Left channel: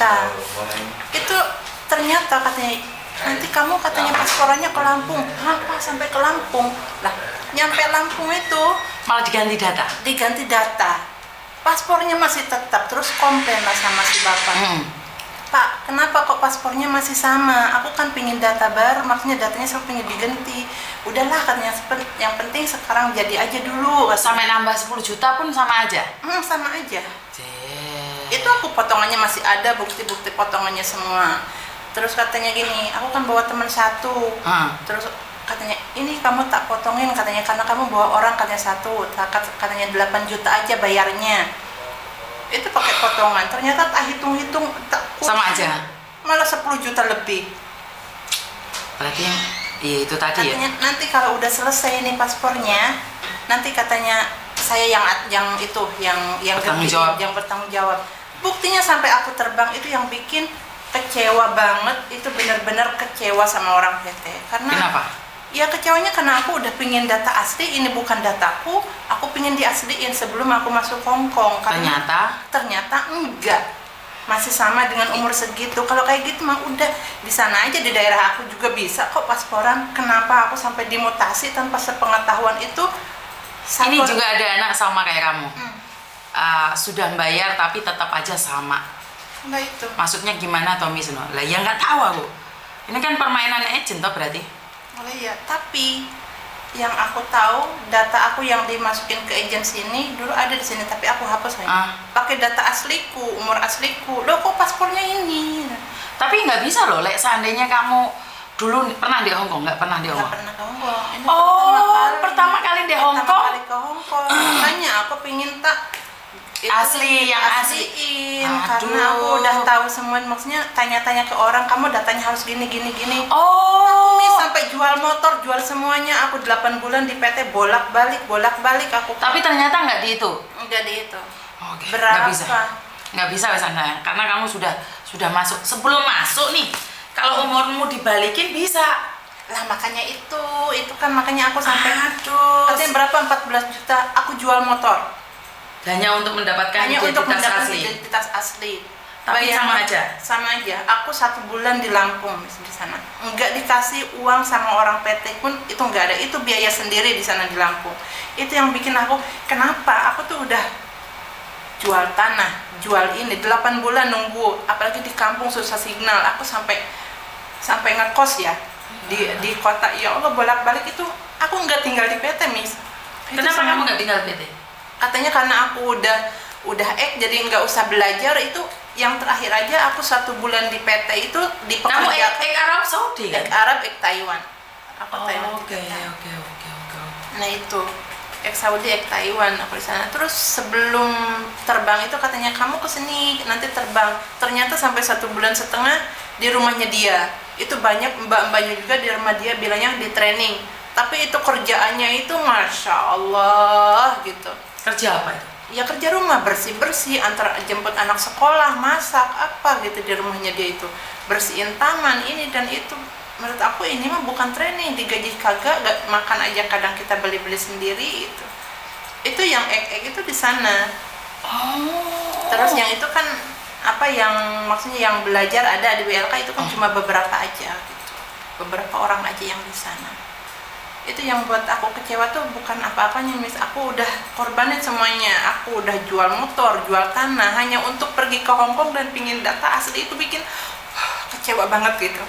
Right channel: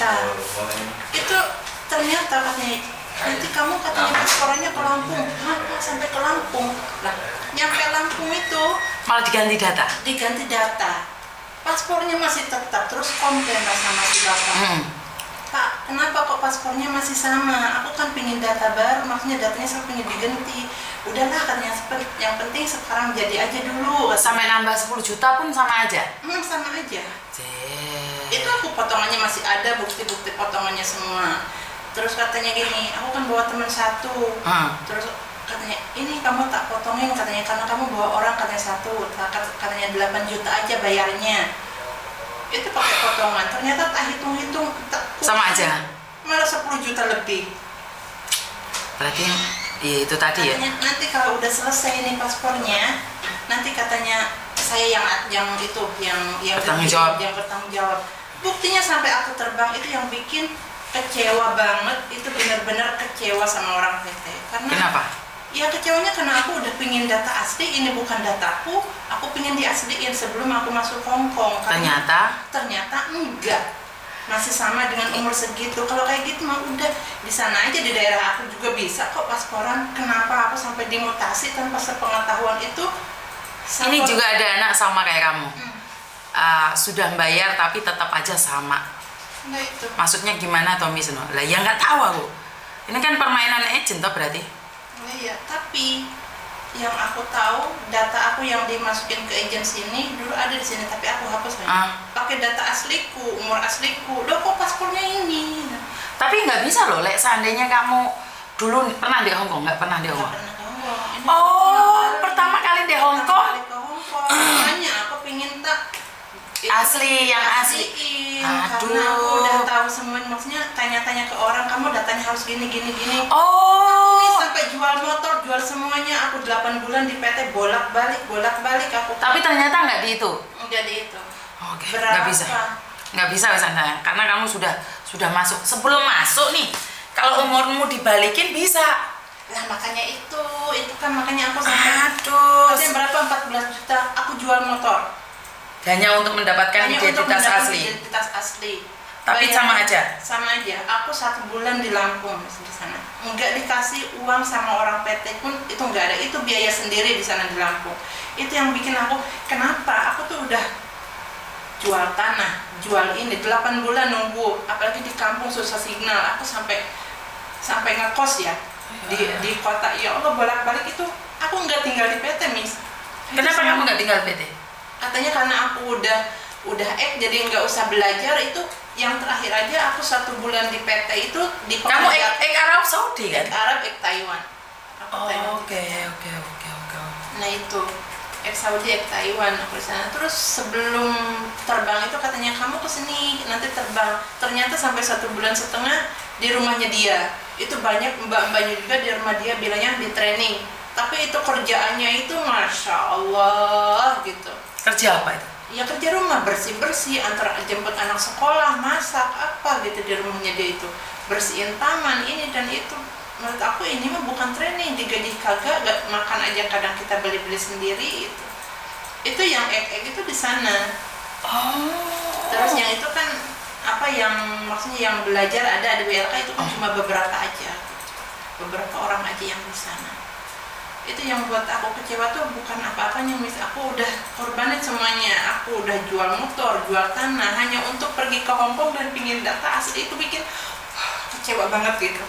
juta. Itu ternyata katanya, nanti kamu katanya pasporannya ke Lampung. Apa sampai ke Lampung? Lah, nyampe Lampung itu malah diganti data. Diganti data. Paspornya masih tetap, terus komplain lah sama si bapak. Pak, kenapa kok paspornya masih sama? Aku kan pingin data baru, maksudnya datanya saya pingin diganti. Udahlah katanya, yang penting sekarang jadi aja dulu. Sampai nambah 10 juta pun sama aja? Sama aja. Itu aku potongannya masih ada, bukti-bukti potongannya semua. Terus katanya gini, aku kan bawa teman satu. Terus katanya, ini kamu tak potongin katanya, karena kamu bawa orang katanya satu. Katanya 8 juta aja bayarnya. Itu pakai potongan, ternyata tak hitung-hitung sama aja, malah 10 juta lebih. Berarti ya itu tadi katanya, ya nanti kalau udah selesai ini paspornya, nanti katanya saya yang bertanggung jawab. Buktinya sampai aku terbang, itu yang bikin kecewa banget. Itu benar-benar kecewa sama orang PT. Karena kenapa? Ya kecewanya karena aku udah pingin data asli, ini bukan dataku, aku pingin diasliin sebelum aku masuk Hongkong. Ternyata enggak, masih sama dengan umur segitu. Kalau kayak gitu mah udah di sana aja, di daerah aku juga bisa kok pasporan. Kenapa aku sampai dimutasi tanpa sepengetahuan itu? Ini juga ada anak sama kayak kamu, sudah bayar tapi tetap aja sama. Nah itu. Maksudnya gimana Tommy Seno? Lah ya nggak tahu aku. Ini kan permainan agent toh berarti. Oh iya, tapi yang aku tahu data aku yang dimasukin ke agensi ini dulu ada di sini, tapi aku hapus lagi. Pakai data asliku, umur asliku. Loh kok paspornya ini? Tapi nggak bisa loh, Lek. Seandainya kamu dulu pernah di Hongkong, nggak pernah di Hongkong? Nggak pernah ke Hongkong. Pertama kali di Hongkong. Pertama kali ke Hongkong. Makanya aku pingin asli, yang asli. Karena aku udah tahu semua, maksudnya tanya-tanya ke orang, kamu datanya harus gini. Sampai jual motor, jual semuanya. Aku 8 bulan di PT bolak-balik aku. Tapi ternyata nggak dihitung. Enggak dihitung. Oke. Nggak bisa Wisanda, karena kamu sudah masuk. Sebelum masuk nih, kalau umurmu dibalikin bisa. Lah makanya itu kan makanya aku sampai katanya berapa 14 juta aku jual motor. Hanya untuk mendapatkan identitas asli. Tapi sama aja. Aku 1 bulan di Lampung di sana. Enggak dikasih uang sama orang PT pun, itu enggak ada. Itu biaya sendiri di sana di Lampung. Itu yang bikin aku, kenapa? Aku tuh udah jual tanah, jual ini 8 bulan nunggu, apalagi di kampung susah signal. Aku sampai ngekos ya di kota. Ya Allah, bolak-balik itu aku enggak tinggal di PT, Miss. Kenapa kamu enggak tinggal PT? Katanya karena aku udah jadi nggak usah belajar. Itu yang terakhir aja aku 1 bulan di PT itu di kamu Arab Saudi kan? Arab Taiwan. Oke. Nah itu Saudi Taiwan aku di sana. Terus sebelum terbang itu katanya kamu kesini nanti terbang. Ternyata sampai 1,5 bulan di rumahnya dia. Itu banyak mbak-mbaknya juga di rumah dia bilangnya di training. Tapi itu kerjaannya itu Masya Allah gitu. Kerja apa itu? Ya kerja rumah, bersih-bersih, antara jemput anak sekolah, masak, apa gitu di rumahnya dia itu. Bersihin taman, ini dan itu. Menurut aku ini mah bukan training, digaji kagak, makan aja kadang kita beli-beli sendiri itu. Itu yang itu di sana. Terus yang itu kan yang maksudnya yang belajar ada di BLK itu kan cuma beberapa aja gitu. Beberapa orang aja yang di sana. Itu yang buat aku kecewa tuh bukan apa-apanya, Miss. Aku udah korbanin semuanya. Aku udah jual motor, jual tanah hanya untuk pergi ke Hongkong dan pingin data asli. Itu bikin kecewa banget gitu.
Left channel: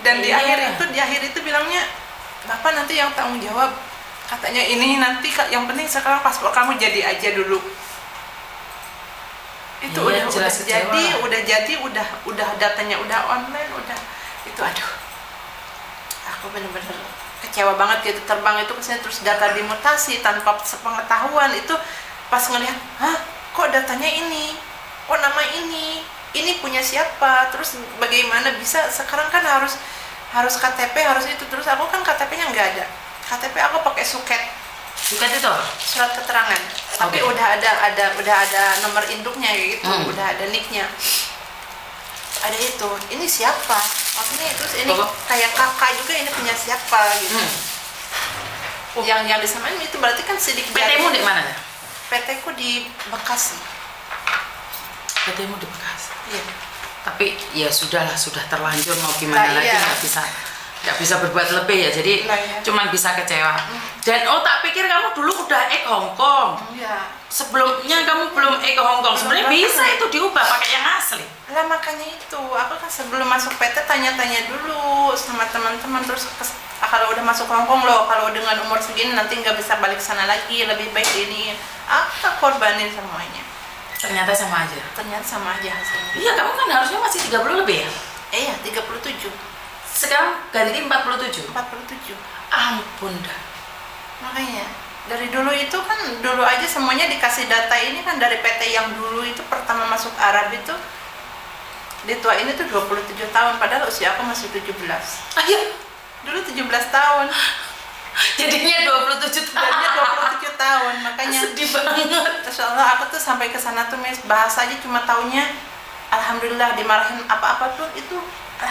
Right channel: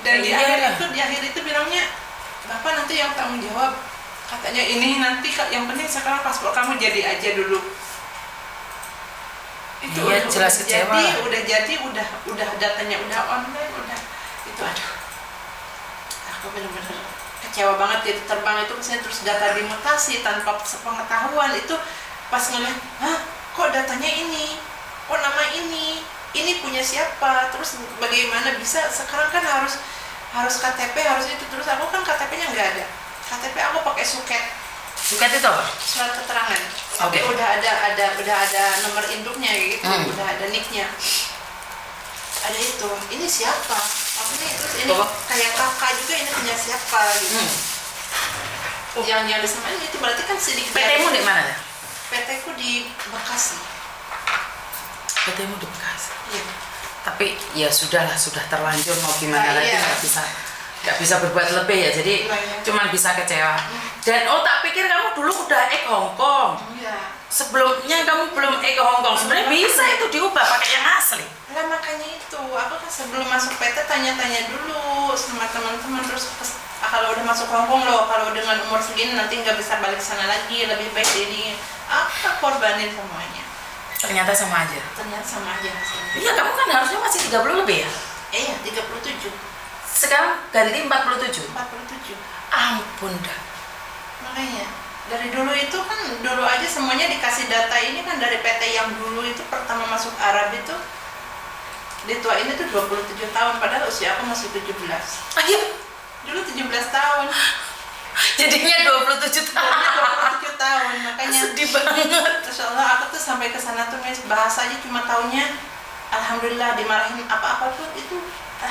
Dan di akhir itu bilangnya, Bapak nanti yang tanggung jawab. Katanya ini nanti yang penting sekarang paspor kamu jadi aja dulu. Itu iya, jelas kecewa. Udah datanya udah online, udah itu aduh. Aku bener-bener kecewa banget gitu. Terbang itu misalnya terus data dimutasi tanpa sepengetahuan. Itu pas ngeliat, kok datanya ini, nama ini punya siapa, terus bagaimana bisa sekarang kan harus KTP, harus itu. Terus aku kan KTP-nya nggak ada. KTP aku pakai suket itu apa? Surat keterangan. Tapi udah ada nomor induknya gitu, udah ada nicknya. Ada itu, ini siapa? Maksudnya terus ini kayak kakak juga, ini punya siapa gitu. Yang disamain itu berarti kan sidik jari. PT-mu di mana ya? PT ku di Bekasi. PT-mu di Bekasi. Iya. Tapi ya sudahlah, sudah terlanjur, mau gimana lagi, iya. nggak bisa berbuat lebih ya, jadi Iya. cuman bisa kecewa. Dan tak pikir kamu dulu udah Hong Kong. Iya. Sebelumnya kamu belum ke Hong Kong. Sebenarnya bisa itu diubah pakai yang asli. Lah makanya itu, aku kan sebelum masuk PT tanya-tanya dulu sama teman-teman, terus kalau udah masuk Hong Kong loh, kalau dengan umur segini nanti nggak bisa balik sana lagi, lebih baik ini. Apa korbanin semuanya? Ternyata sama aja. Ternyata sama aja hasilnya. Iya, kamu kan harusnya masih 30 lebih ya? Iya, 37. Sekarang ganti 47. 47. Ampun dah. Makanya dari dulu itu kan, dulu aja semuanya dikasih data ini kan dari PT yang dulu itu pertama masuk Arab itu dituain itu 27 tahun, padahal usia aku masih 17. Ayo. Dulu 17 tahun. Jadinya 27 tahun. Jadinya 27 tahun, makanya Sedih banget. Terus Allah, aku tuh sampai ke sana tuh bahasa aja cuma taunya alhamdulillah, dimarahin apa-apa tuh itu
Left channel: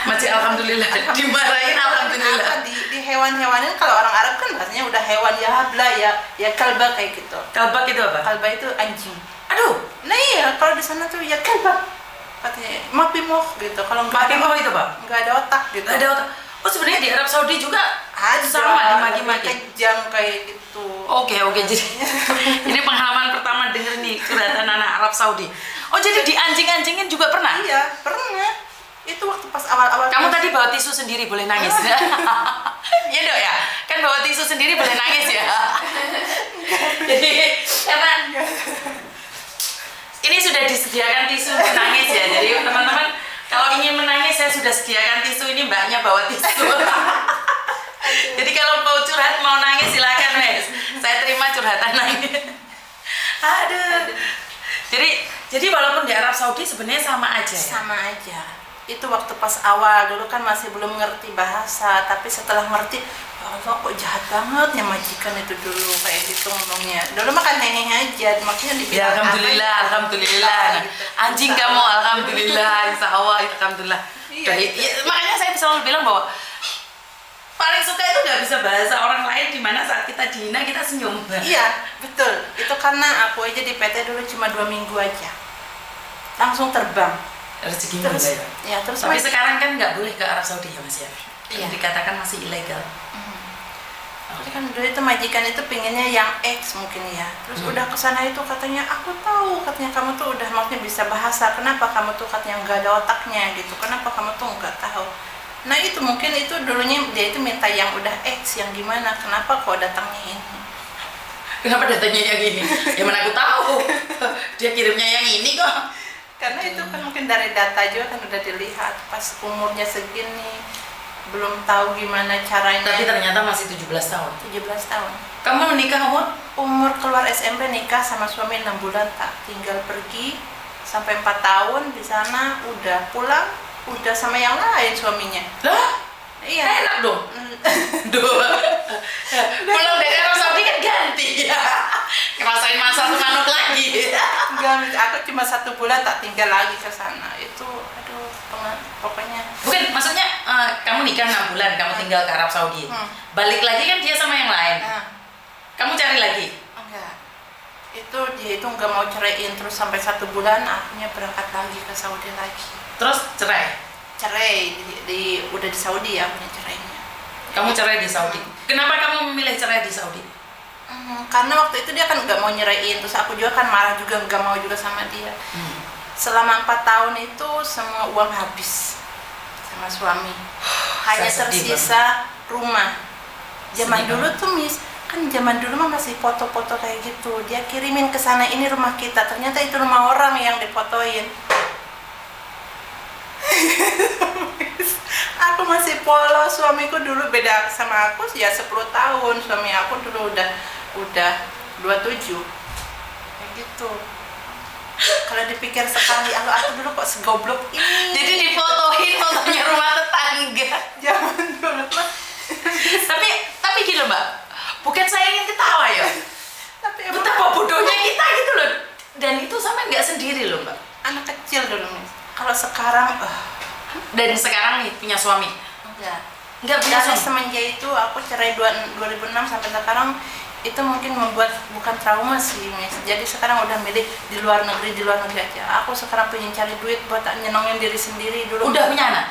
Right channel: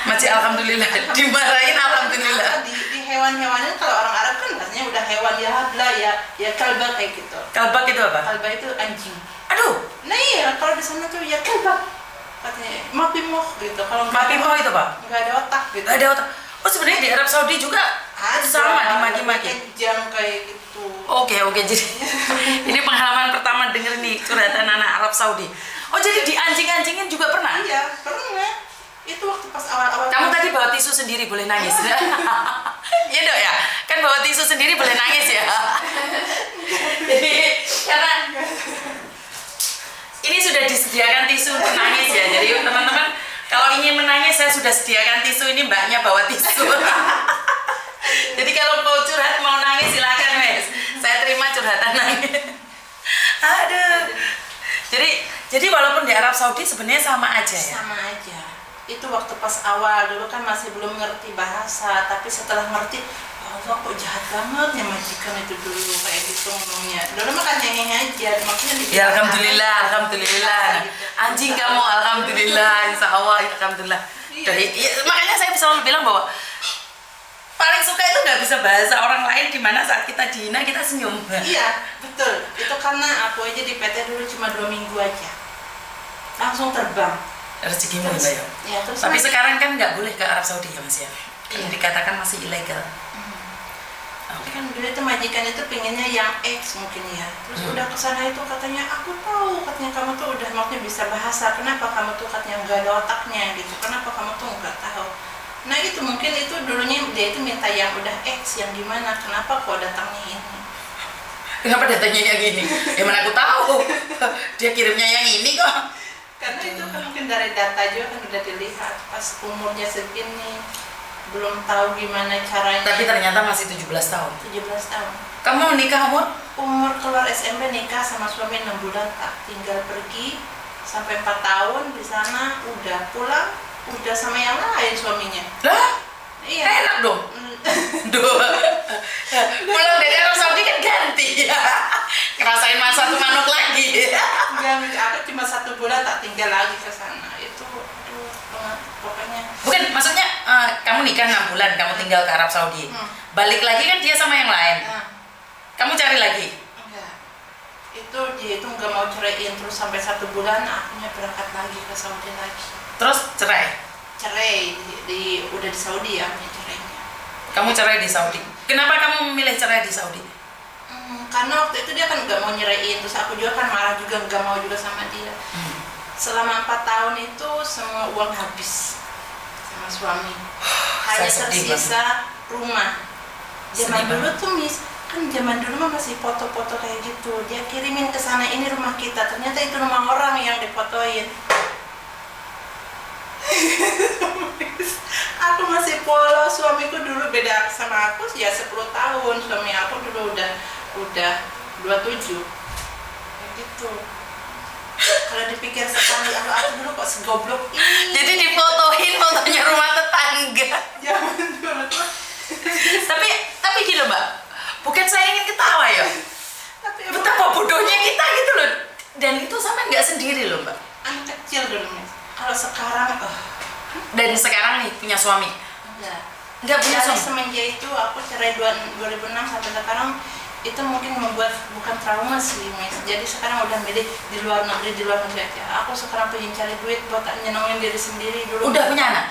Masih alhamdulillah. Dimarahin alhamdulillah. di hewan-hewanin, kalau orang Arab kan bahasanya udah hewan ya habla ya kalba kayak gitu. Kalbak itu apa? Kalba itu anjing. Aduh, Nah iya, kalau di sana tuh ya kalba. Katanya mapimoh gitu. Kalau maki mau itu Pak? nggak ada otak gitu. Nggak ada otak. Oh, sebenarnya di Arab Saudi juga Ada, sama dimaki-maki. kejam kayak gitu. Oke, jadi ini pengalaman pertama denger nih curhatan anak Arab Saudi. Oh, jadi di anjing-anjingin juga pernah? Iya, pernah. Itu waktu pas awal-awal. Kamu tadi bawa tisu sendiri, boleh nangis. Iya dok ya, kan bawa tisu sendiri boleh nangis ya. Jadi karena ini sudah disediakan tisu untuk nangis ya. Jadi teman-teman kalau ingin menangis, saya sudah sediakan tisu, ini mbaknya bawa tisu. Jadi kalau mau curhat, mau nangis silakan Mas. Saya terima curhatan nangis. Aduh. Jadi walaupun di Arab Saudi sebenarnya sama aja ya. Sama aja. Itu waktu pas awal dulu kan masih belum ngerti bahasa, tapi setelah ngerti, Allah kok jahat banget ya majikan itu dulu kayak gitu ngomongnya. Dulu mah kan hehehe aja, maksudnya Ya alhamdulillah. Nah, anjing kamu alhamdulillah, insya Allah alhamdulillah. Iya. Ya, makanya saya selalu bilang bahwa paling suka itu nggak bisa bahasa orang lain, di mana saat kita dihina kita senyum. Iya, betul. Itu karena aku aja di PT dulu cuma 2 minggu aja, langsung terbang. Rezekimu Terus, ya. ya, terus Tapi sekarang kan nggak boleh ke Arab Saudi ya Mas ya. Kan Iya. dikatakan masih ilegal. Tapi kan dulu itu majikan itu pengennya yang X mungkin ya. Terus udah kesana itu katanya, aku tahu katanya kamu tuh udah maksudnya bisa bahasa, kenapa kamu tuh katanya nggak ada otaknya gitu, kenapa kamu tuh nggak tahu. Nah itu mungkin itu dulunya dia itu minta yang udah X, yang dimana, kenapa kok datangnya ini. Kenapa datanya yang ini? Ya mana aku tahu. Dia kirimnya yang ini kok. Karena itu kan mungkin dari data juga kan udah dilihat pas umurnya segini belum tahu gimana caranya. Tapi ternyata masih 17 tahun. 17 tahun. Kamu menikah Umur keluar SMP nikah sama suami 6 bulan, tak tinggal pergi sampai 4 tahun di sana, udah pulang udah sama yang lain suaminya. Lah? Iya. Enak dong. Pulang dari Arab Saudi kan ganti ya. Ngerasain masa tuh manuk lagi. Dan aku cuma 1 bulan tak tinggal lagi ke sana. Itu aduh pokoknya. Bukan, maksudnya kamu nikah 6 bulan, kamu tinggal ke Arab Saudi. Balik lagi kan dia sama yang lain. Nah, Kamu cari lagi. enggak. Itu dia itu nggak mau ceraiin, terus sampai 1 bulan akhirnya berangkat lagi ke Saudi lagi. Terus cerai. Cerai udah di Saudi ya akhirnya cerainya. Kamu cerai di Saudi. Kenapa kamu memilih cerai di Saudi? Karena waktu itu dia kan nggak mau nyeraiin, terus aku juga kan marah juga, nggak mau juga sama dia. Selama 4 tahun itu semua uang habis sama suami, hanya Saya sedih tersisa rumah. Zaman Sedih dulu tuh kan zaman dulu mah masih foto-foto kayak gitu, dia kirimin ke sana, ini rumah kita, ternyata itu rumah orang yang difotoin. Aku masih polos, suamiku dulu beda sama aku ya 10 tahun, suami aku dulu udah 27 kayak gitu. Kalau dipikir sekali, aku dulu kok segoblok ini. Jadi difotoin fotonya rumah tetangga. Zaman dulu tuh. tapi gini loh Mbak, bukan saya ingin ketawa ya. Tapi emang Betapa bodohnya kita gitu loh. Dan itu sama nggak sendiri loh Mbak. anak kecil dulu Mas. Kalau sekarang Dan sekarang nih punya suami. enggak. Nggak punya Dari suami. semenjak itu aku cerai 2006 sampai sekarang itu mungkin membuat bukan trauma sih, Miss. Jadi sekarang udah milih di luar negeri aja. Aku sekarang pengen cari duit buat nyenengin diri sendiri dulu. Udah punya anak?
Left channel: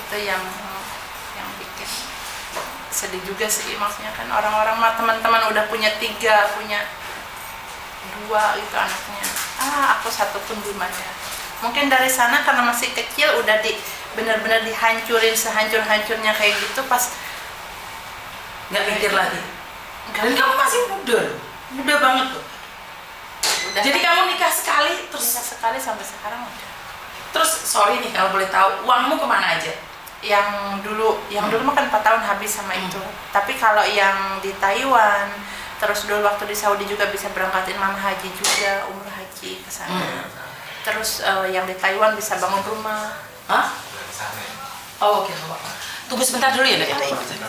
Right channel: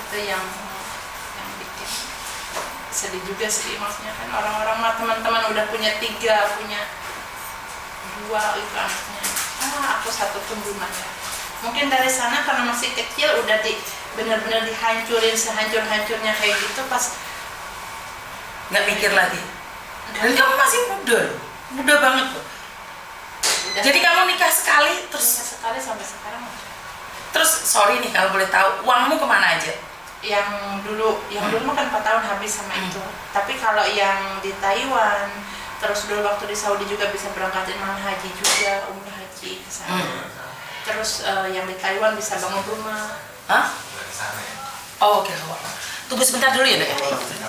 Itu yang bikin sedih juga sih, maksudnya kan orang-orang mah teman-teman udah punya 3, punya 2 itu anaknya. Aku satu tuh gimana ya? Mungkin dari sana karena masih kecil udah benar-benar dihancurin sehancur-hancurnya kayak gitu, pas Nggak mikir lagi. Dan kamu masih muda banget loh. udah. Jadi kamu nikah sekali terus Nikah sekali sampai sekarang. terus sorry nih kalau boleh tahu, uangmu kemana aja? Yang dulu mah kan 4 tahun habis sama itu. Tapi kalau yang di Taiwan, terus dulu waktu di Saudi juga bisa berangkatin mana haji juga, umrah haji ke sana. Terus yang di Taiwan bisa bangun rumah. Hah? Oh, oke. Tunggu sebentar dulu ya, Dek.